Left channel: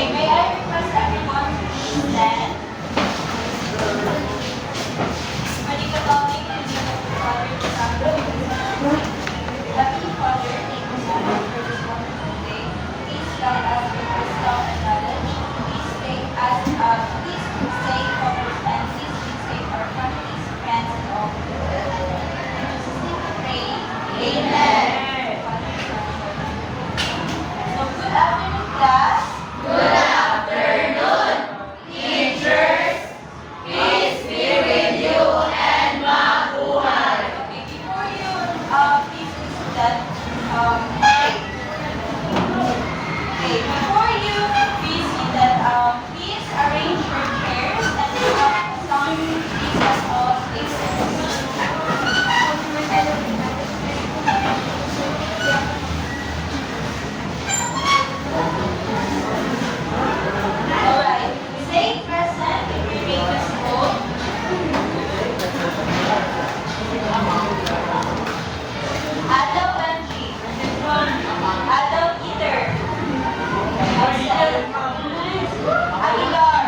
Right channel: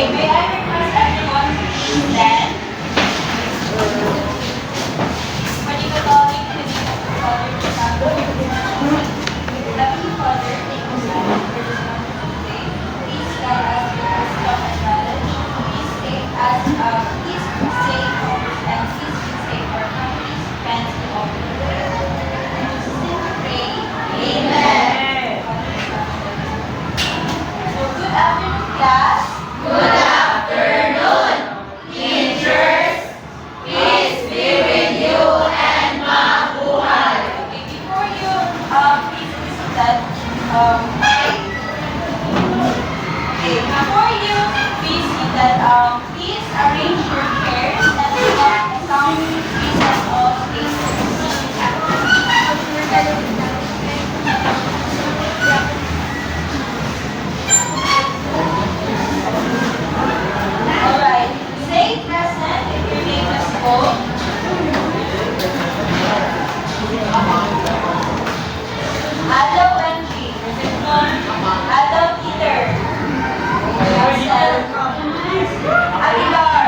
Okay, may I request everyone to please stand? Manigaling in the name of the Father, the Son, and the Holy Spirit. Heavenly Father, thank you so much for this wonderful day. Please guide us with wisdom and knowledge. Please take us, please save and please save our families, friends, and all the world. In Jesus' name we pray. Amen. So good afternoon, class. Good afternoon, teachers. Peace be with you and mabuhay. Okay, before you please listen that before you please see that please arrange your chairs and have some pieces of spaces. Alright, say present if your name is called. Ado Benji. Ado Peter. Absent. Aguilar.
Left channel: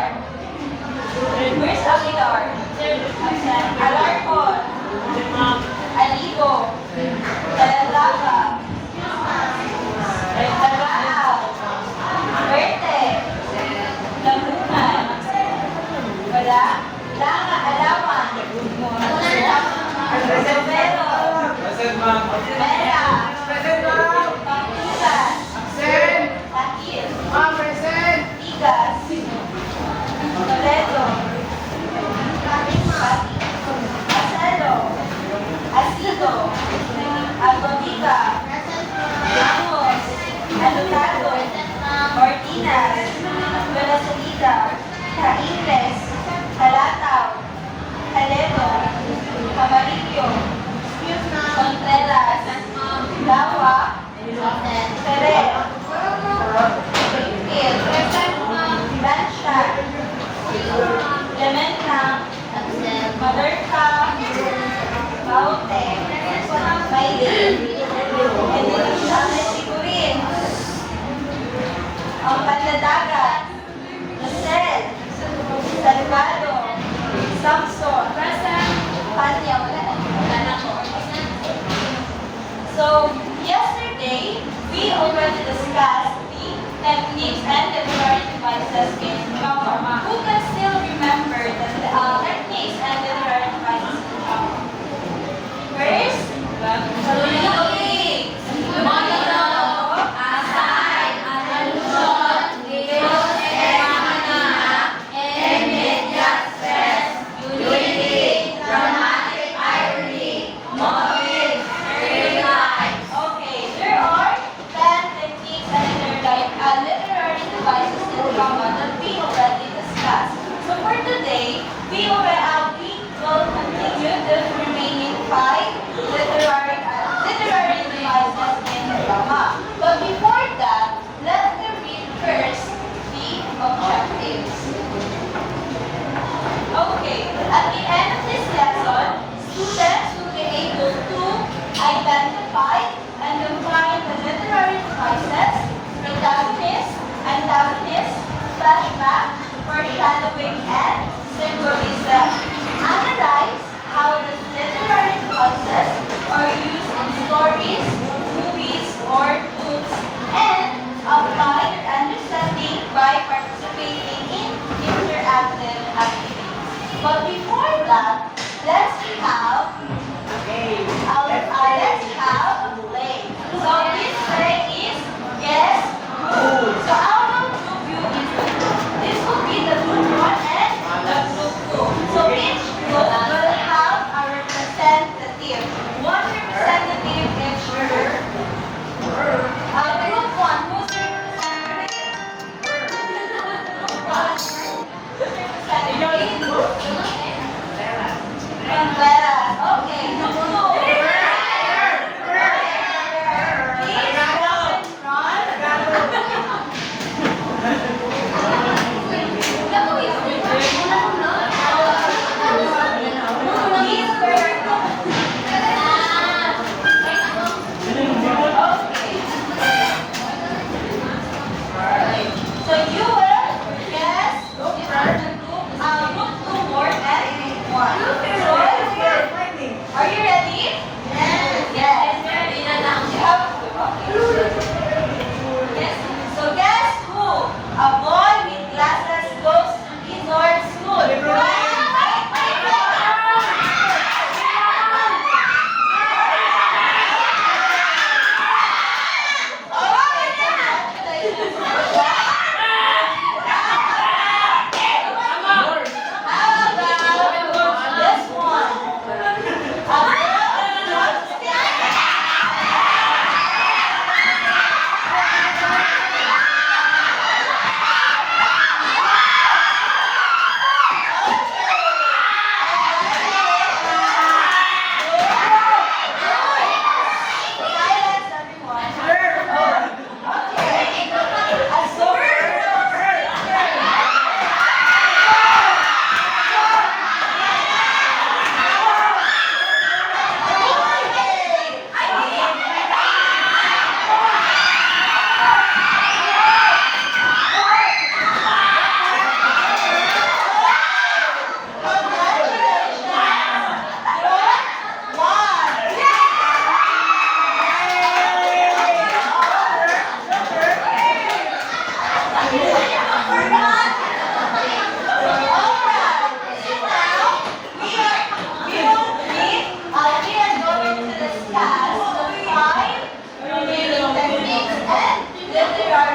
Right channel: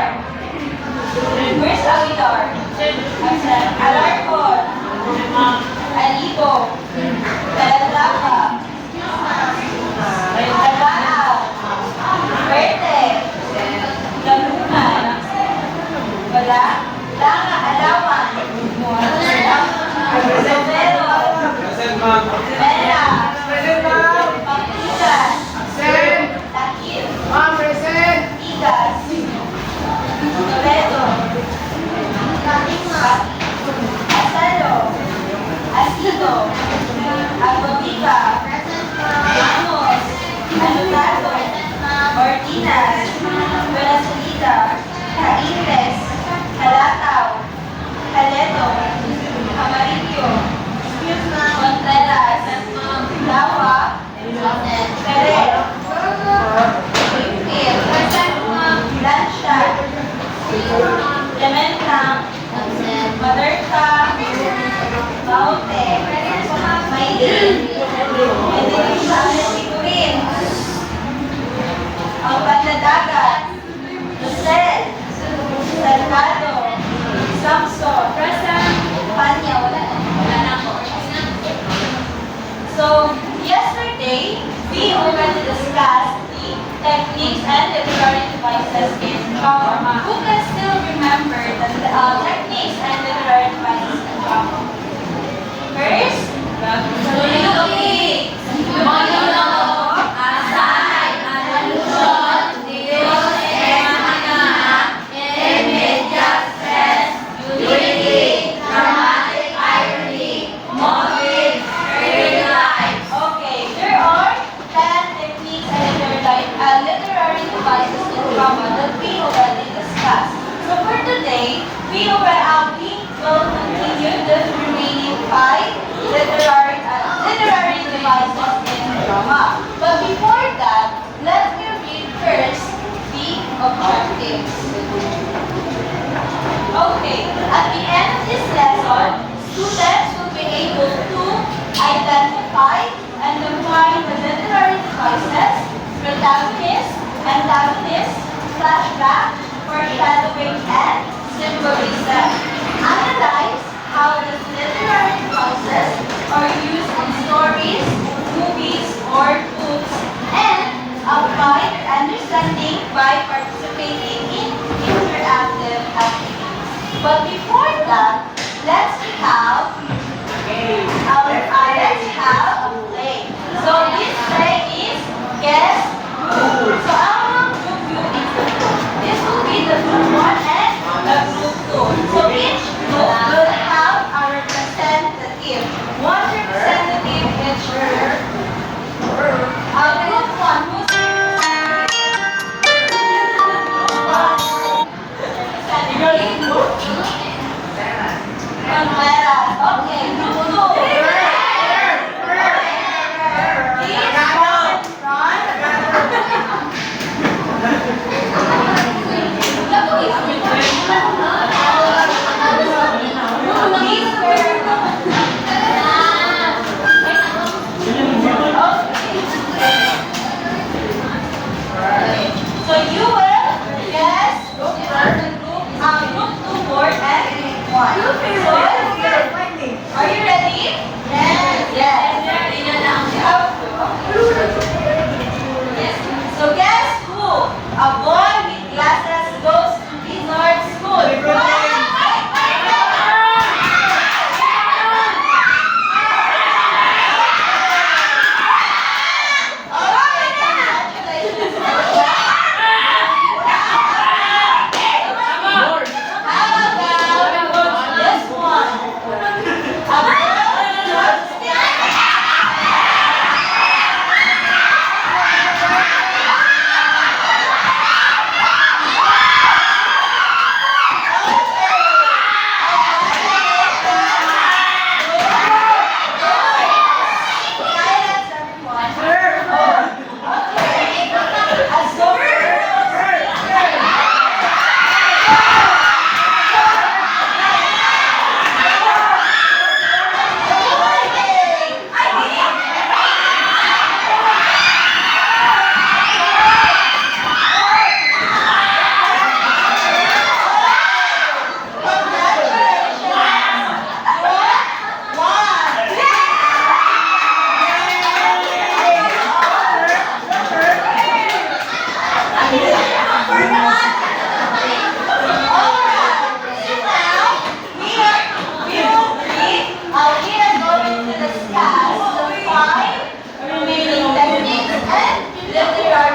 Where's Aguilar? Absent. Alarcon. Aligo. Talandaca. Tagaa. Verte. Lagunan. Wala. Langa. Alawan. Severo. Mera. Pagkilan. Takil. Tigas. Toledo. Asalo. Asido. Albabica. Ramos. Alotado. Ortinas. Venezuela. Caintes. Halataw. Haledo. Camarillo. Contreras. Lawa. Pere. Lansha. Clementa. Maderka. Baute. Maylin. Sigurin. Ang Panladagat. Rosel. Salvado. Samson. Panya. Wala na ako. So, yesterday, we already discussed the techniques and literary devices in drama. Who can still remember the techniques and literary devices in drama? First, soliloquy, monologue, aside, allusion, Dios anak, immediate stress, unity, dramatic irony, motive, okay, there are 10 techniques and literary devices in drama that we already discussed. So for today, we will continue the remaining 5 literary devices in drama. But before that, let me read first the objectives. Okay, at the end of this lesson, students will be able to identify and define the literary devices, protagonist, antagonist, flashback, foreshadowing, and symbolism. Analyze how the literary devices are used in stories, movies, or books, and apply their understanding by participating in interactive activities. But before that, let's have a play. So this play is Guess Who. So I will group you into two. This will be the group 1 and the group 2. So each group will have a representative. One representative each group. Group 1, who's representative?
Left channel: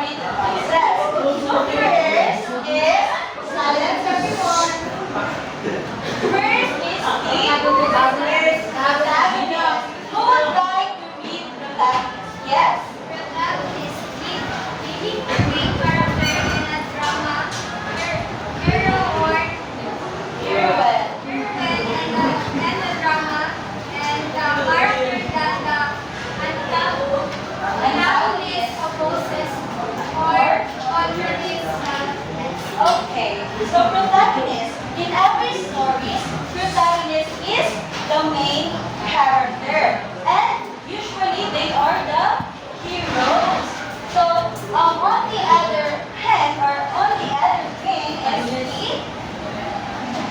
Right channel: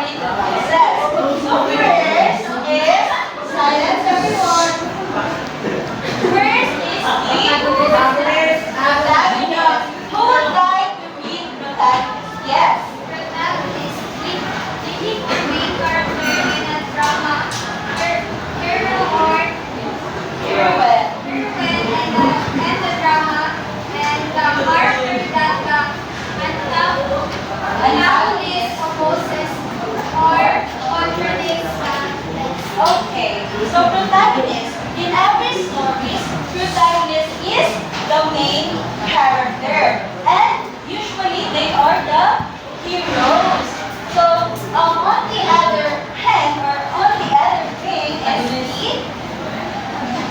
read the voices. So first is, silence everyone. First is the protagonist. Who would like to read protagonist? Yes? Protagonist, the main character in a drama, hero or Heroine. heroine and the drama, and the character that the antagonist opposes or contradicts the Okay, so protagonist. In every story, protagonist is the main character. And usually they are the heroes. So on the other hand, or on the other thing is the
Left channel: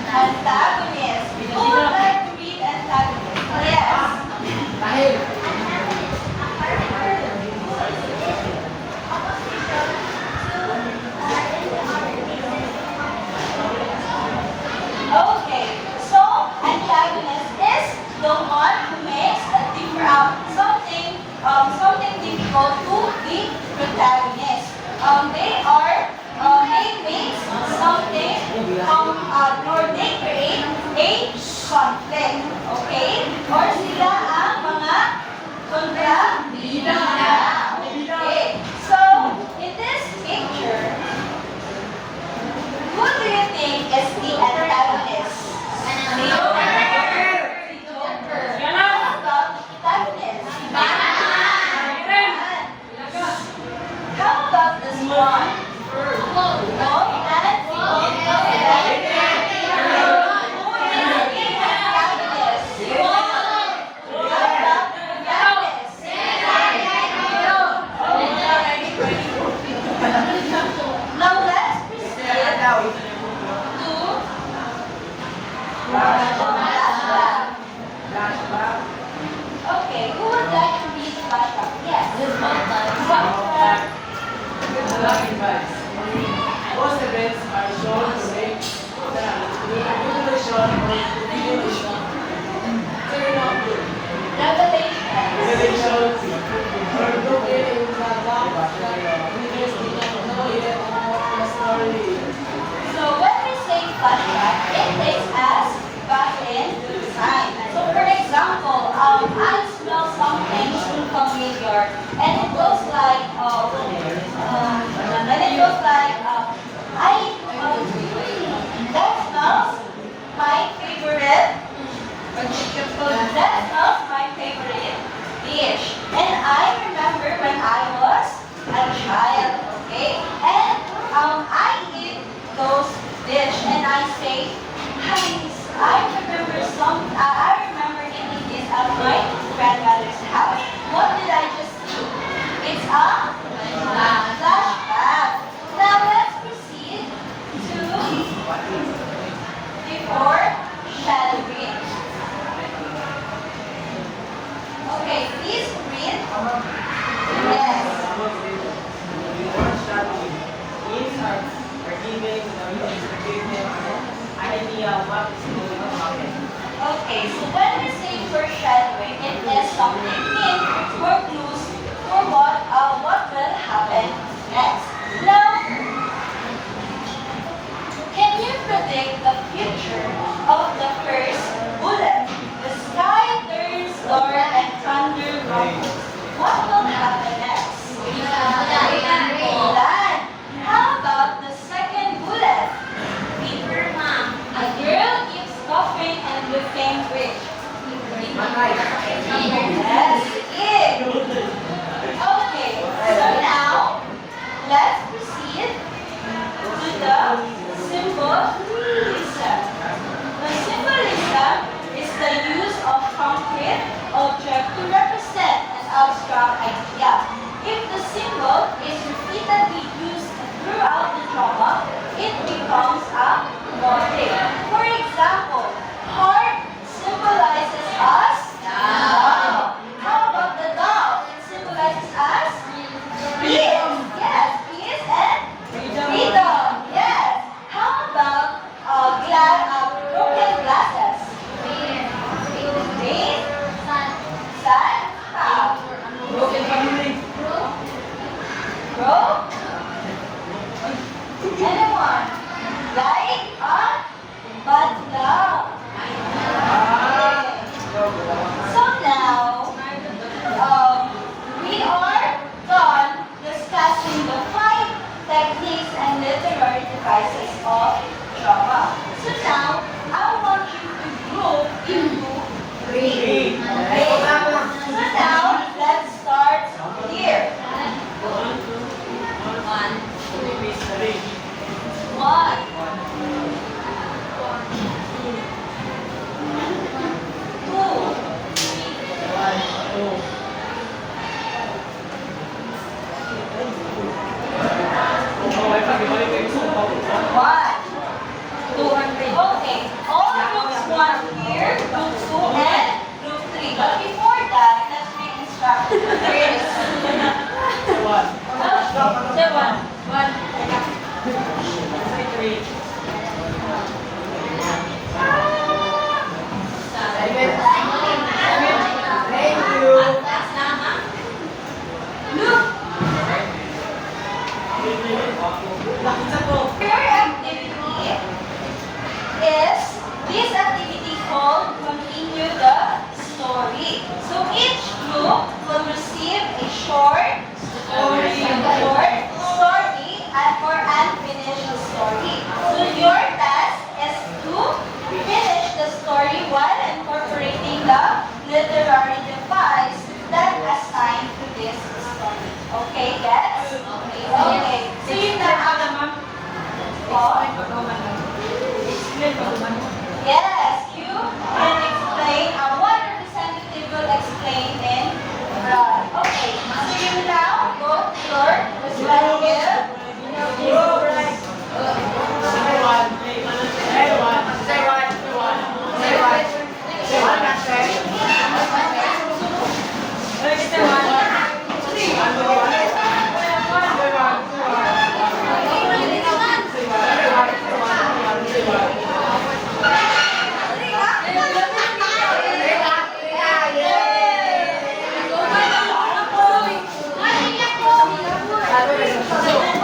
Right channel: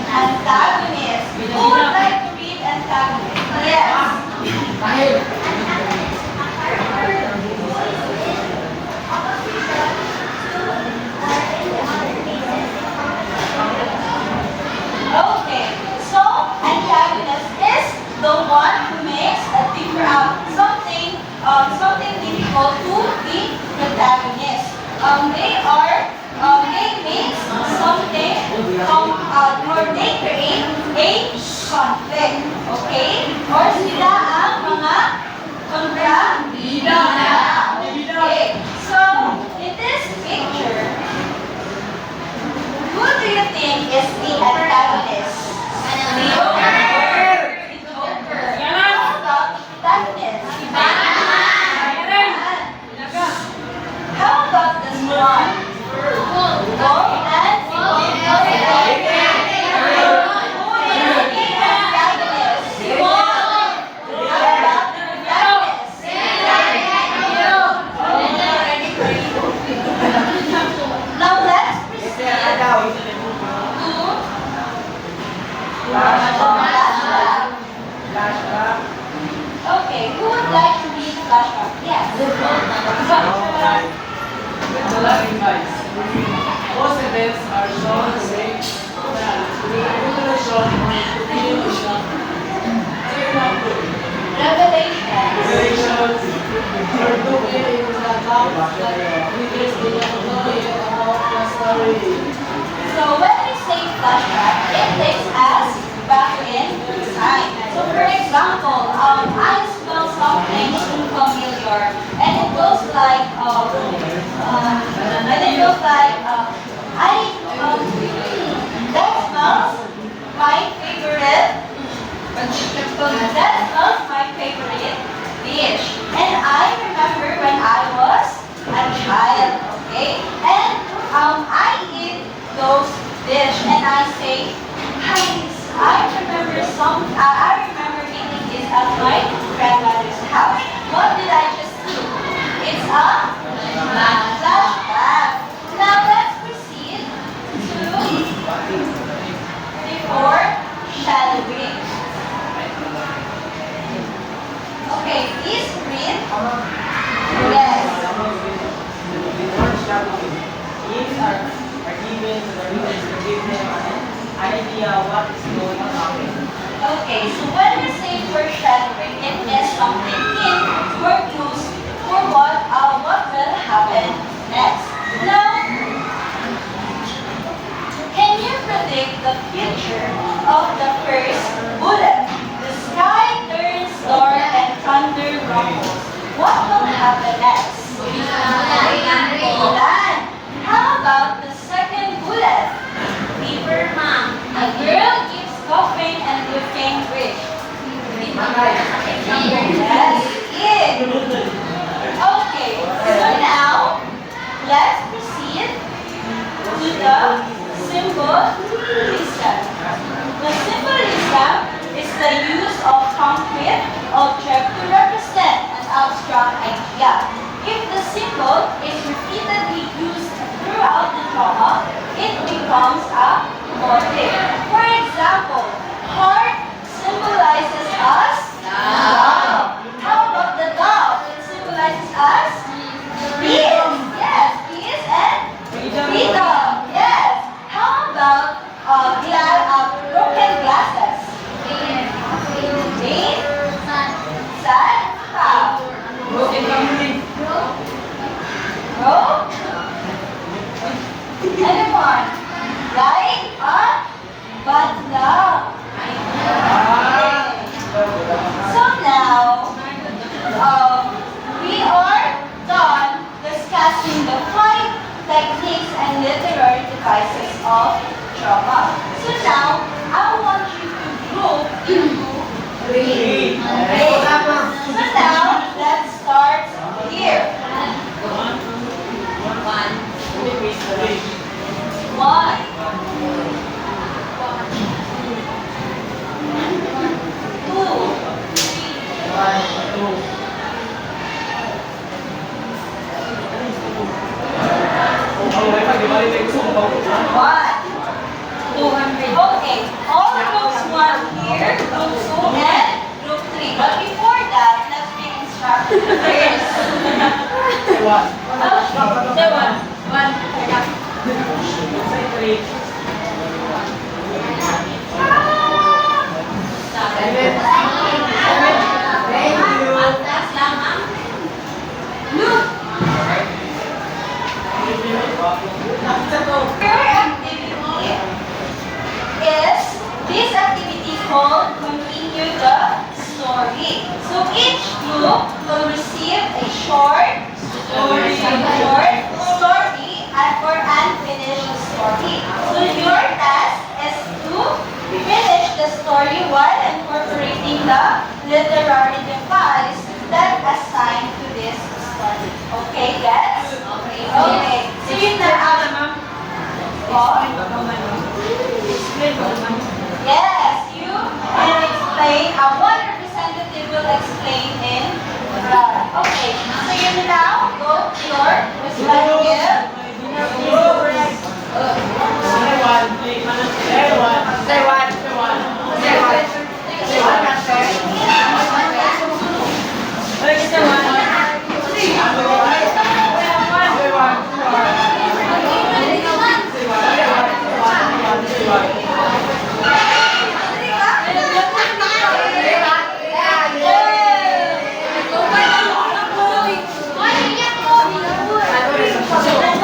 antagonist. Who would like to read antagonist? Yes. antagonist, a character who is in opposition to or in the other cases Okay, so antagonist is the one who makes a something difficult to the protagonist. They make something or they create a conflict. Okay? Or sila ang mga kontrabida. Okay. So, in this picture, who do you think is the antagonist? The Joker. The Joker. How about the protagonist? Batman. How about the Swan? Wolf and Who is the antagonist? How about the protagonist? Now let's proceed to flashback. Okay, who would like to read the flashback? Yes. Flashback. With the loving vibes. Most events are shown the same. The revelation or continuation. Turn of good. Revelations. Revelations are broken in the box that readers do not know yet about the story. So when we say flashback, it takes us back in time. So for example, I smell something familiar, and it goes like, that smells my favorite. That smells my favorite dish. And I remember when I was a child, okay? And I eat those dish and I say, I remember eating this at my grandmother's house. What did I just do? It's a flashback. Now let's proceed to the foreshadowing. Okay, please read. Yes. These are given to the readers to give them an idea of what is going on. Okay, so when we say foreshadowing, it is something hint or clues for what will happen next. Now, can you predict the future of the first bullet? The sky turns dark and thunder rumbles. What will happen next? Land. How about the second bullet? Paper mom. A girl keeps coughing and looking rich. Yes, it. Okay, so now let's proceed to the symbolism. The symbolism is the use of concrete object to represent an abstract idea. If the symbol is repeatedly used throughout the drama, it becomes a motif. For example, heart symbolizes us love. How about the dog? It symbolizes us peace. Yes, peace and freedom. Yes. How about broken glasses? Rain? Sun? How? Broken family. Rose? Anyone? Like a bad luck. Okay. So now, we are done discussing the 5 techniques and literary devices of drama. So now, I want you to group into 3. Okay. So now, let's start here. 1. 2. One. 200. Okay. All groups 1 here, group 2, and group 3. But before that, let's make instructions first. Say one. Look. Third activity is this activity called Continue the Story. So each group will receive a short story and or unfinished story. So your task is to finish the story while incorporating the literary device that assigned to this story. Okay, guys? Okay. So yun na ang yes, you will explain. One representative will explain in front. Okay, so you now go to your respective. Ano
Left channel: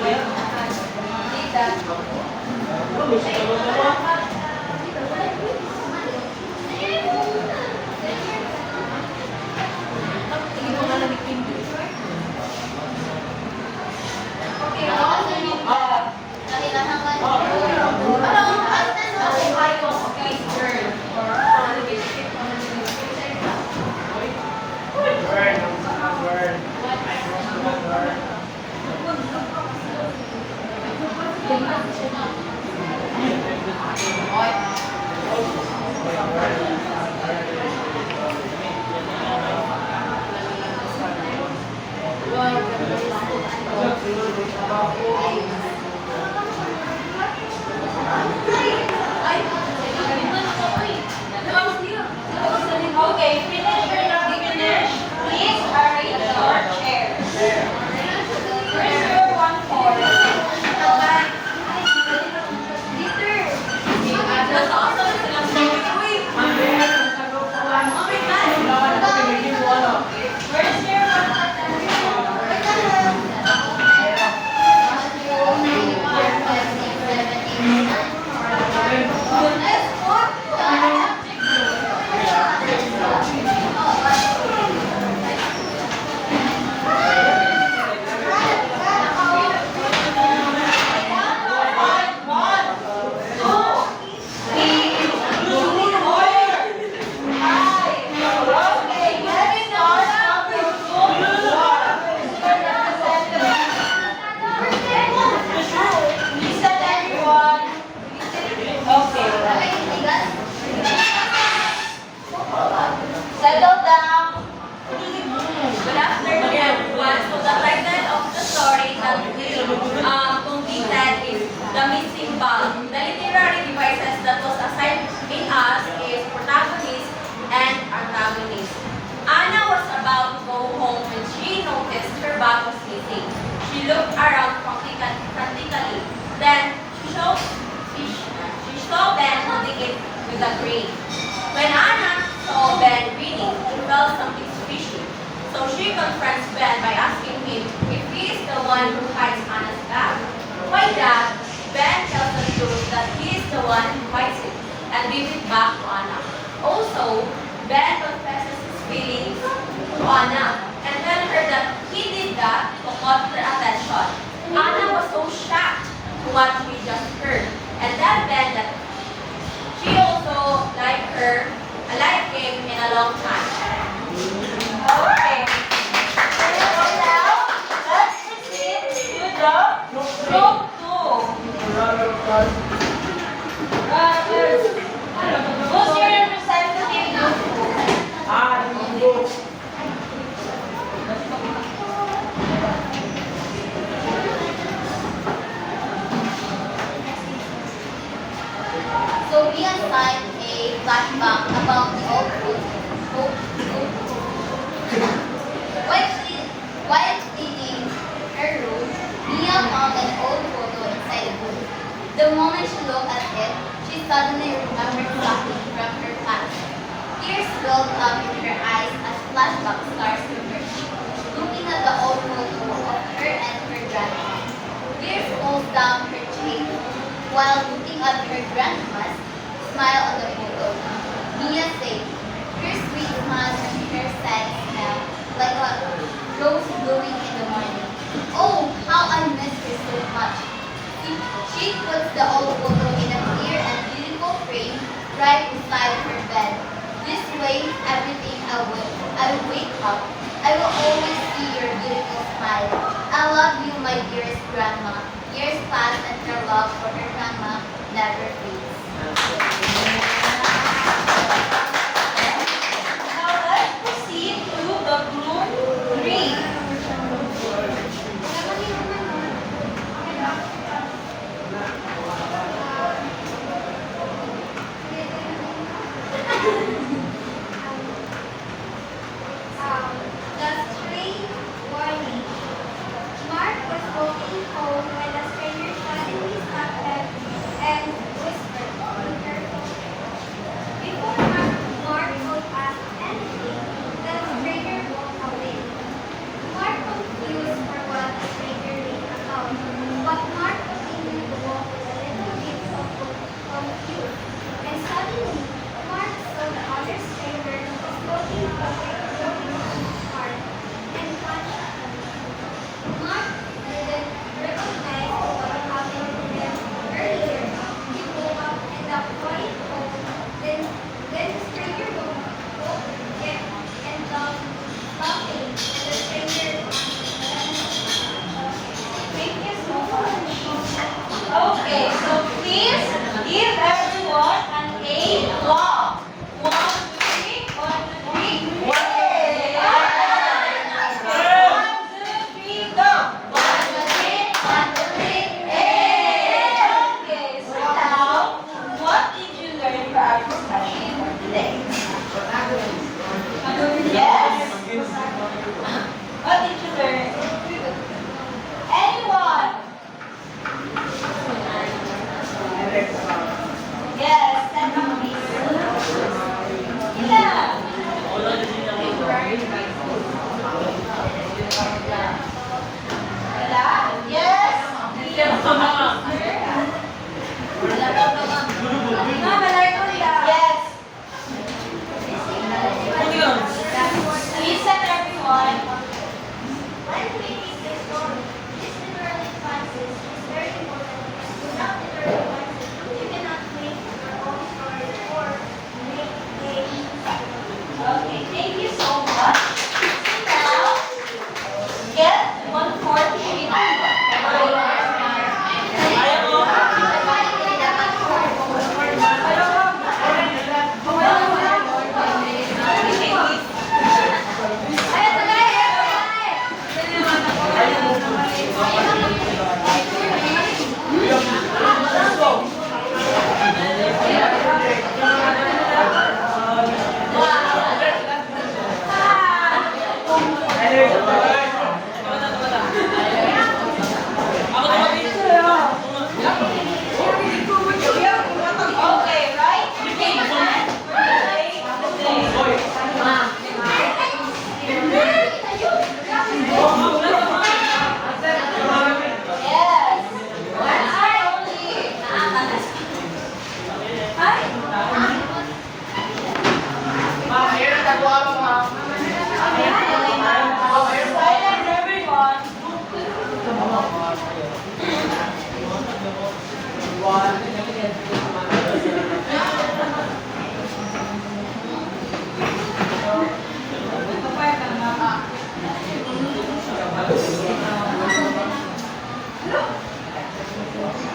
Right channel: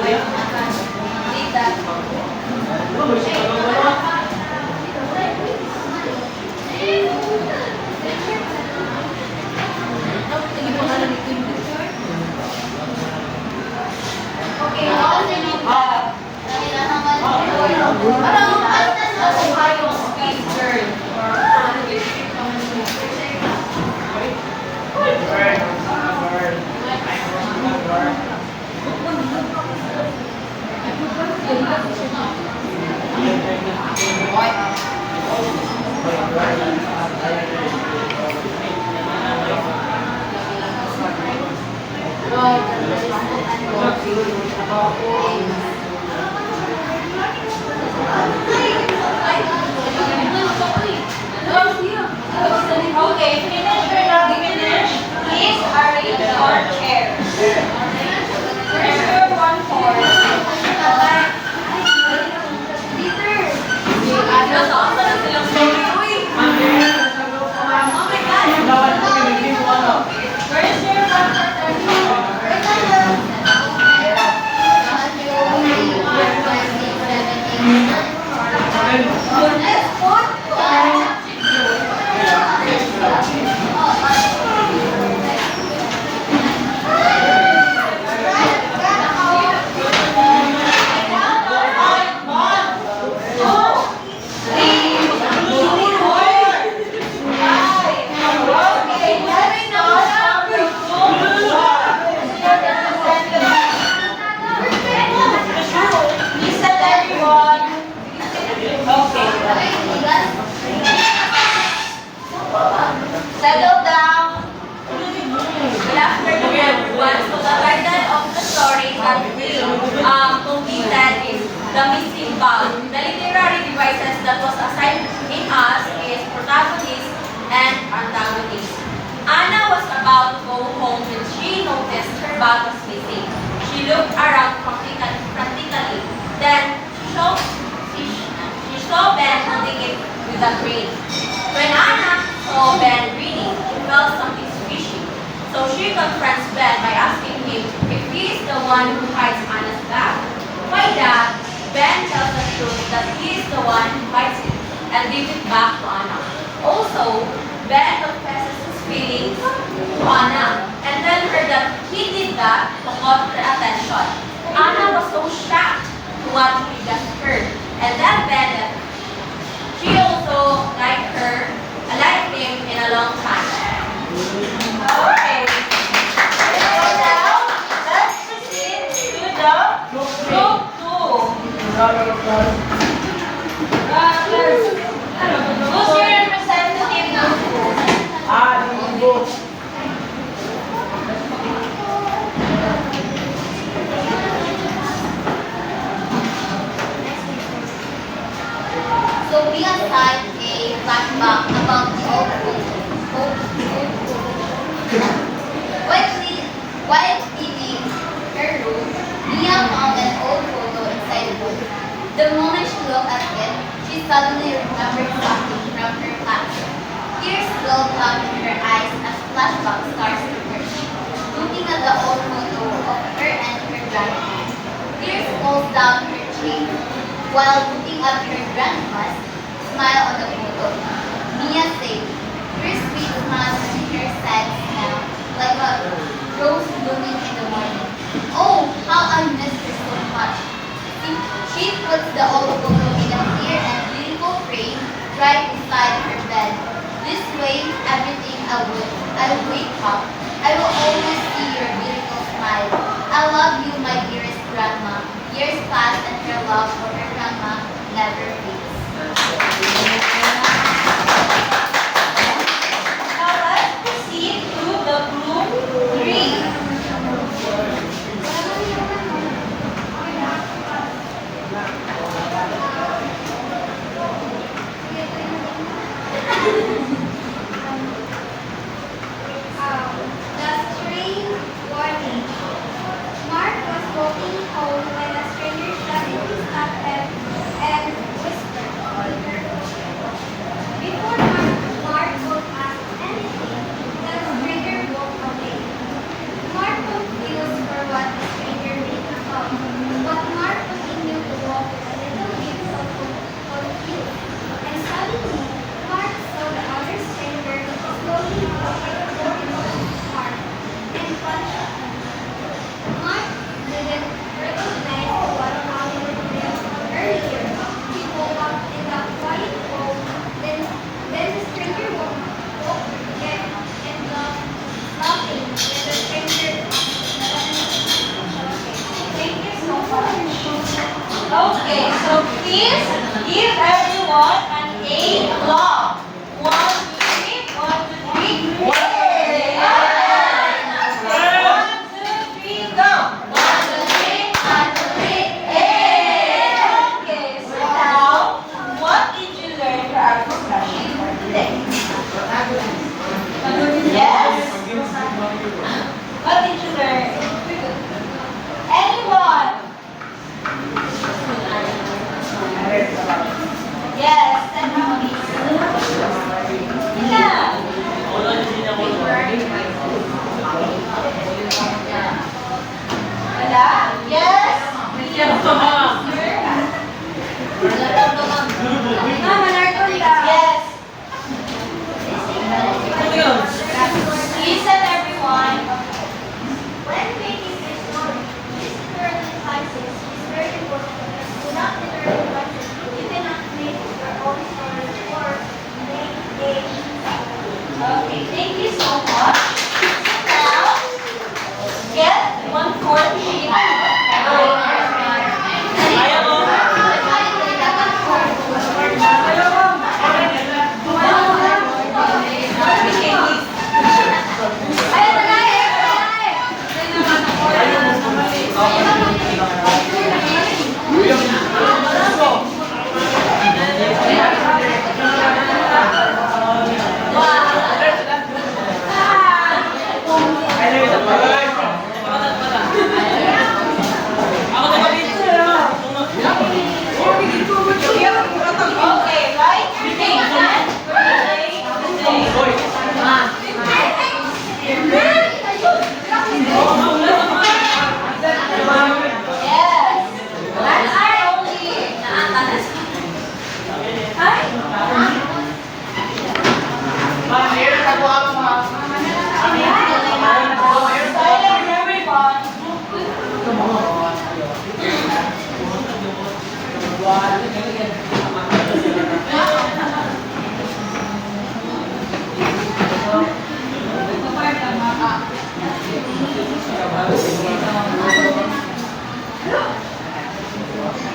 Why did that. Okay, all the new that. Parang palitan mo kung kayong space girl. Okay, finish or not finish? Please arrange your chairs. Where's your 1-4? Nasa-asa na silang sorry. Uy! Where's your 1-4? Settle down. Good afternoon, everyone. So the title of the story that we completed is The Missing Ball. The literary devices that was assigned in us is protagonist and antagonist. Anna was about to go home when she noticed her bag was missing. She looked around frantically. Then she saw Ben holding it with a crane. When Anna saw Ben reading, she felt something fishy. So she confronts Ben by asking him if he is the one who hides Anna's bag. Why that? Ben tells the truth that he is the one who hides it and gives it back to Anna. Also, Ben confesses his feelings to Anna and tells her that he did that to call her attention. Anna was so shocked to what she just heard and then Ben that she also liked him in a long time. Okay. So now, let's proceed to the group 2. Who's your representative group 2? So we assigned a flashback about the old photo. While cleaning her room, Mia found an old photo inside the book. The moment she looked at it, she suddenly remembered something from her past. Tears welled up in her eyes as flashback starts to burst. Looking at the old photo of her and her grandma, tears falls down her cheek. While looking at her grandma's smile on the photo, Mia said, her sweet smile and her sad smile, like a rose blooming in the morning. Oh, how I miss her so much. She puts the old photo in a clear and beautiful frame right beside her bed. This way, everything I wake up, I will always see your beautiful smile. I love you, my dearest grandma. Years pass and her love for her grandma never fades. Now let's proceed to the group 3. The strange warning. Mark was walking home when a stranger suddenly stopped him and whispered, "Be careful." walk with a little bit confused. And suddenly, Mark saw the other stranger slowly walking towards his heart and punched him. Mark didn't recognize what happened to him earlier. He woke up in the quiet home. Then the stranger woke again and laughing when the stranger Thank you so much. Okay, so please give everyone an A+. 1, 2, 3. 1, 2, 3. Yay! 1, 2, 3, go. 1, 2, 3. 1, 2, 3. Hey! Okay, so now, what did you learn for our discussion for today? Yes? What did you learn? Anyone? Yes, stand up please. Yeah. Wala? Yes? Yes. Listen everyone. When making a story, listen to advices is very important. Do not literally advices. You cannot make your own story or make a Okay, thank you so much. Now, get 1/4 sheet. Okay, right? Yes. That's our only. Silence everyone.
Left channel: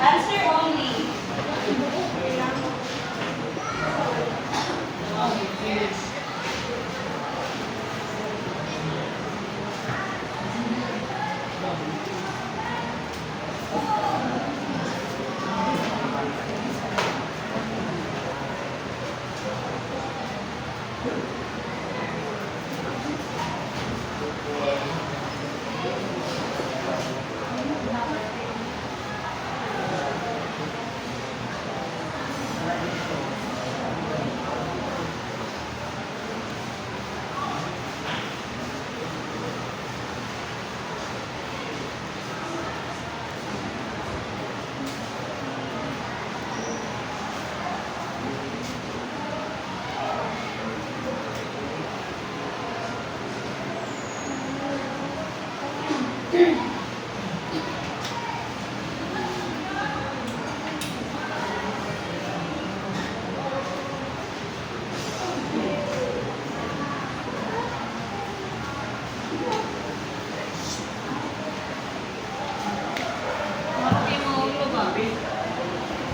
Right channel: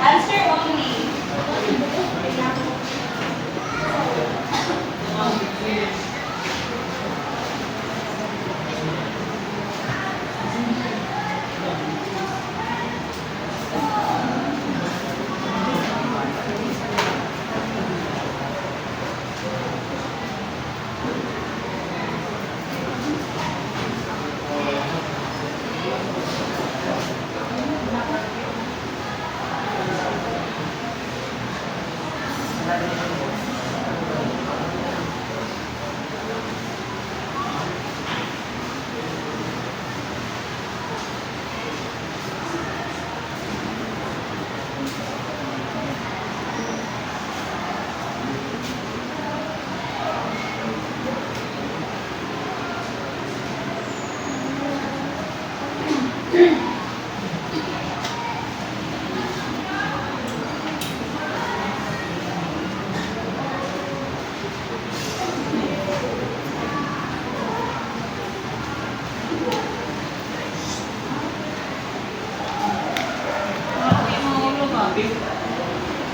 Answer only.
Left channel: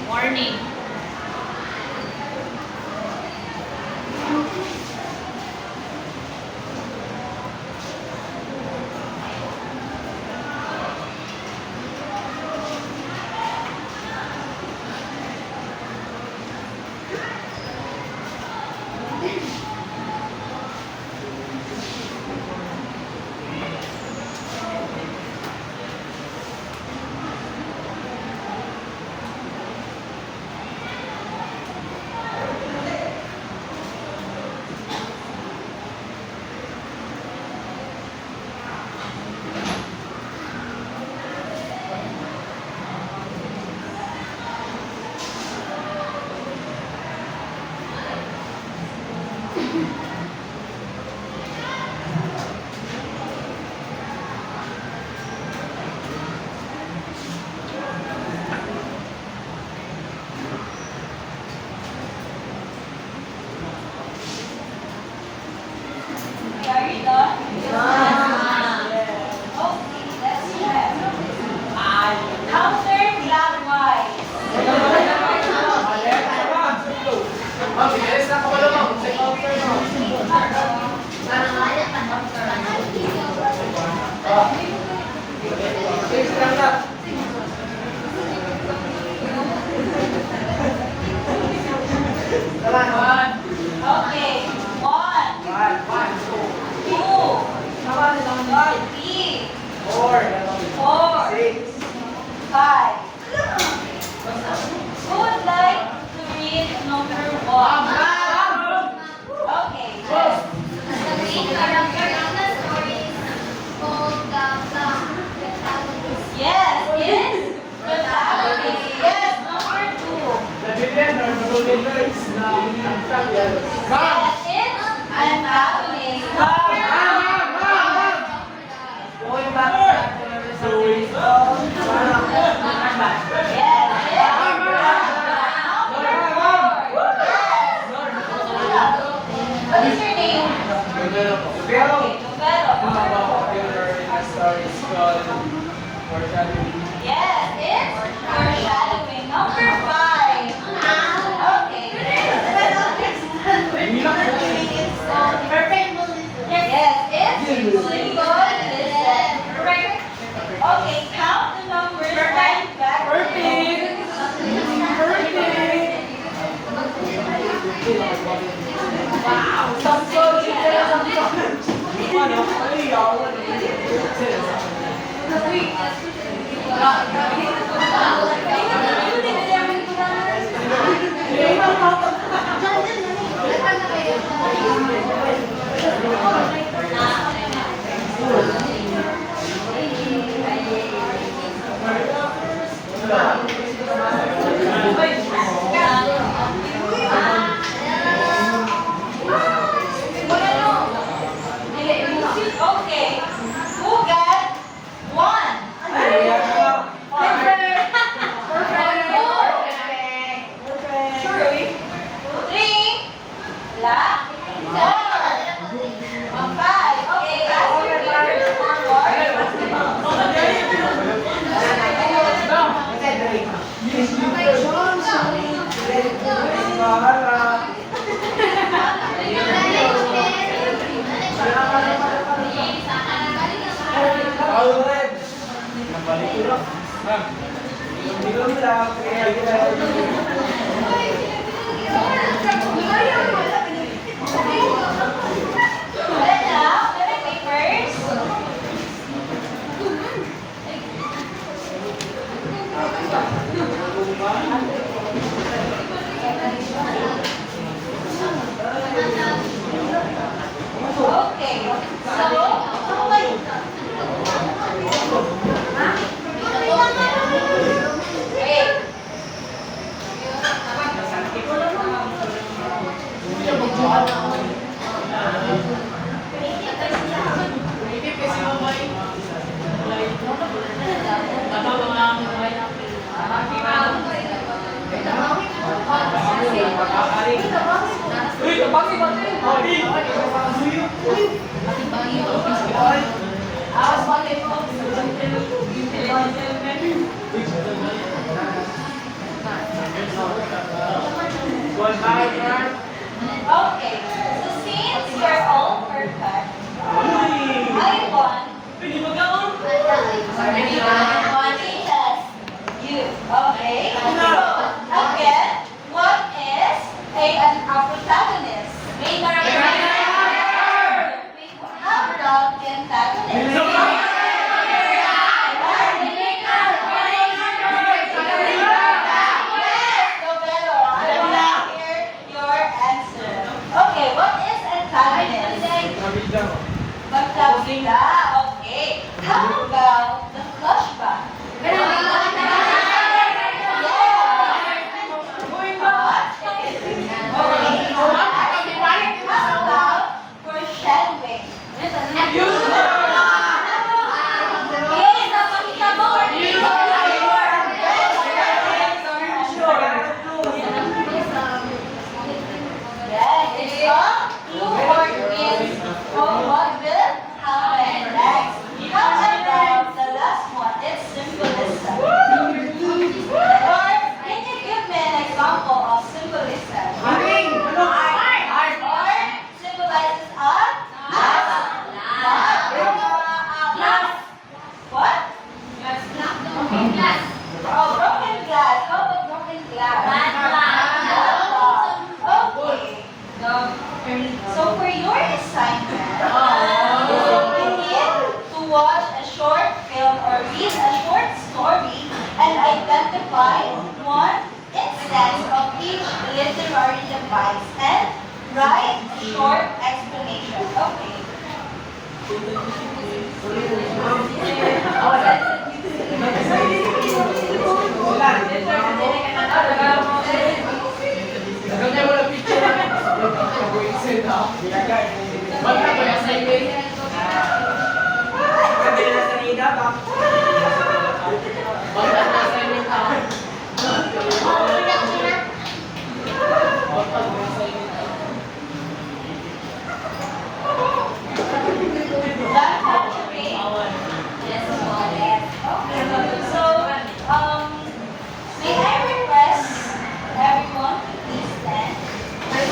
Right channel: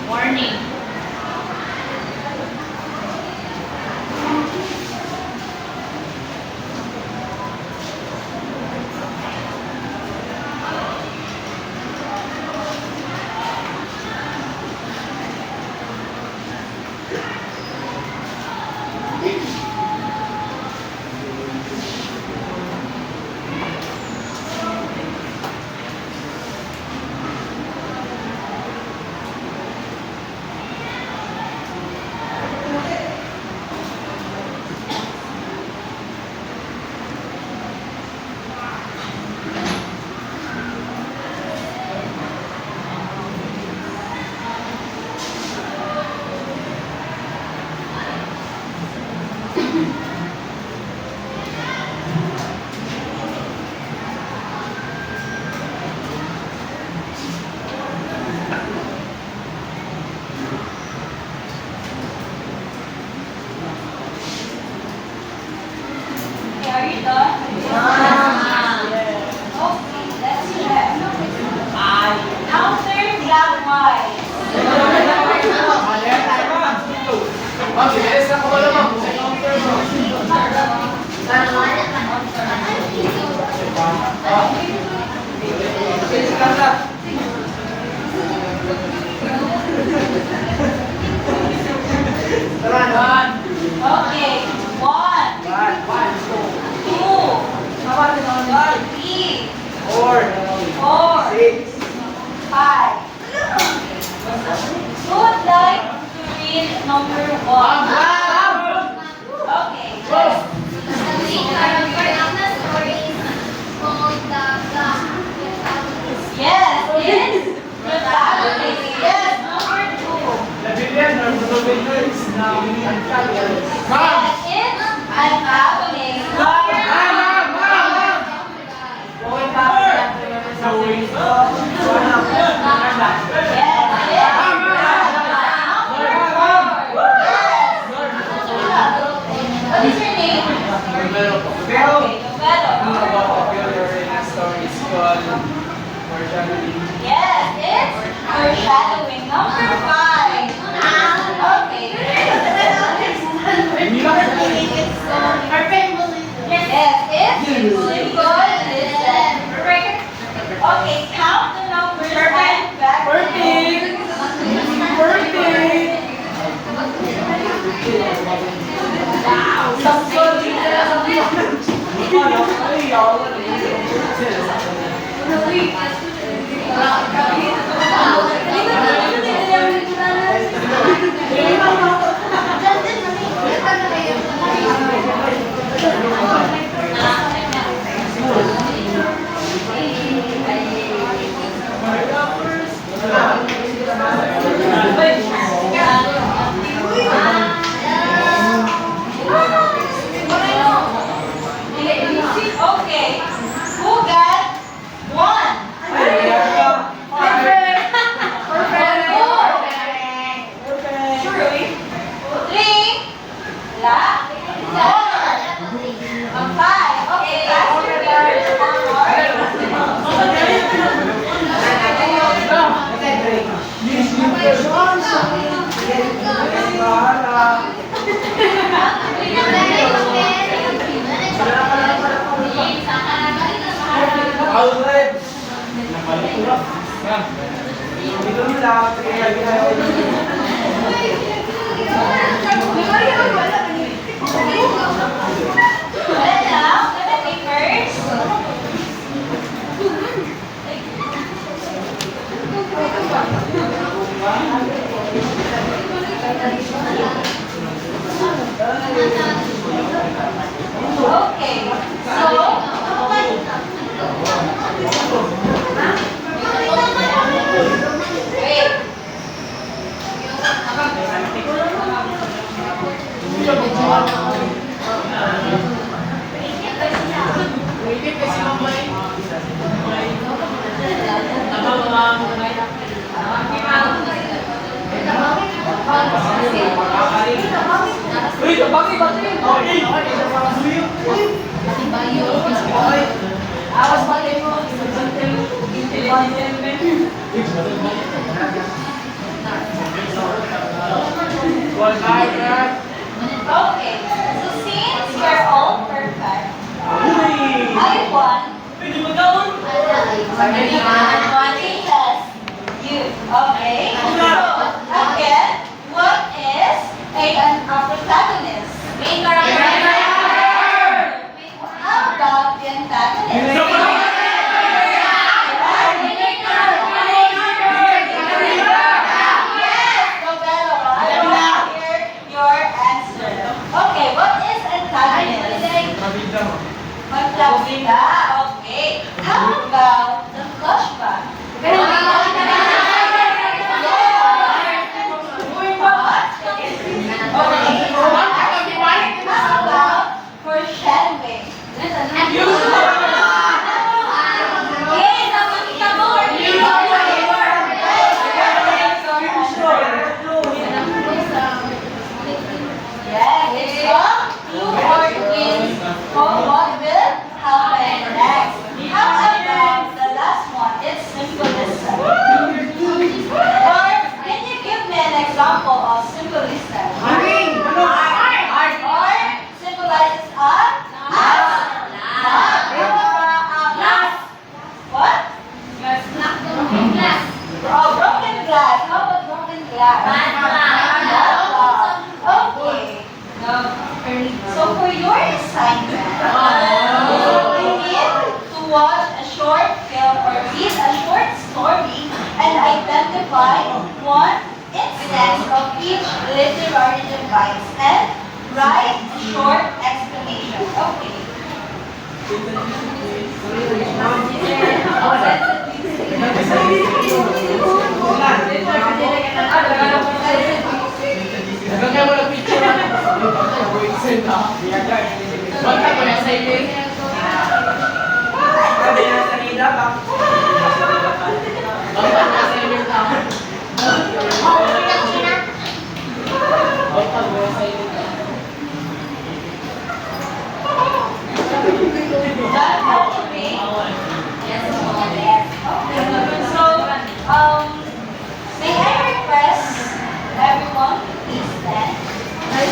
Warning. One. Okay. 1, 2, 3, 4, 5. Who would like to read number 1? Okay. The main character of the story is called the Black Protagonist. Yes, it's protagonist. Yes, number 2. The villain or the villain is the antagonist. Yes, it's antagonist. Going back to number 7. Yes, it's number 4. What is your name? Pero, Okay, Novelo. Number 4. popular in the story is called Mortality. Yes, it's foreshadowing. Number 5. Okay. Yes, it's symbolism. Okay, count the numbers and back. Okay, who got 1? Then now, the papers. Okay, wait. Okay, so since you're all perfect, I want advantages. You, okay? So, again, what is an protagonist? Main character. How about the antagonist? Yes, Novelo. I want to hear your find one instance of each literary device and write a short explanation. Okay. Nagkakaya mo na picture na. Basta ko na sa iyo. Basta ko na sa iyo. Basta ko na sa iyo. Done capturing? Yes. Okay. So, may I request everyone to please stand? Ay,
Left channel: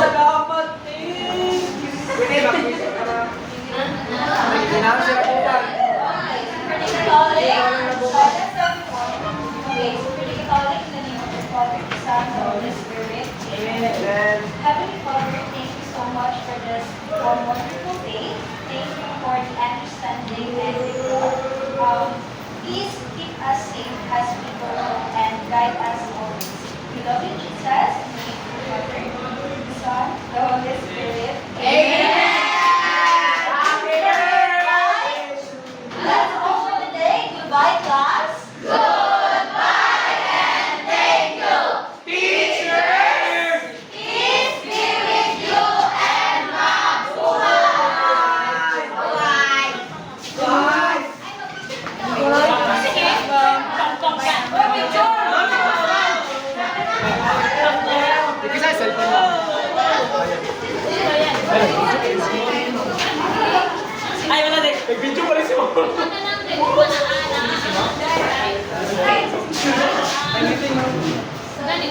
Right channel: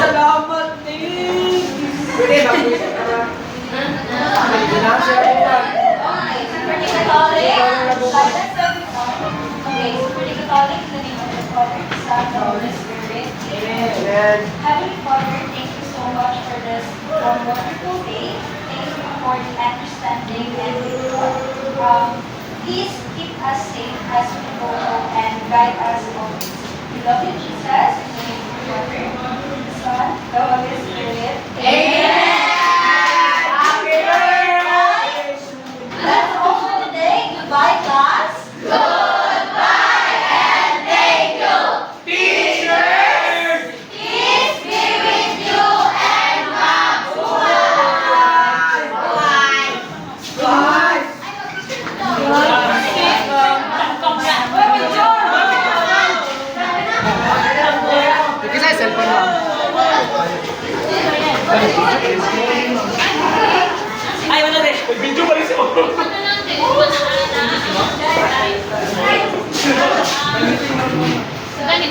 salamat eh! Pwede mag-usap ka na. Pinasya ko yan. Okay, pretty Catholic, silence everyone. Okay, so pretty Catholic, in the name of the Father, the Son, the Holy Spirit. Amen. Heavenly Father, thank you so much for this wonderful day. Thank you for the understanding and please keep us safe as we go home and guide us always. We love you, Jesus, in the name of the Father, the Son, the Holy Spirit. Amen. Happy birthday! That's all for today. Goodbye, class. Teachers! Peace be with you and Bye! Kasi sa cellphone lang. Ay, wala rin. Video pa rin siya. Gani,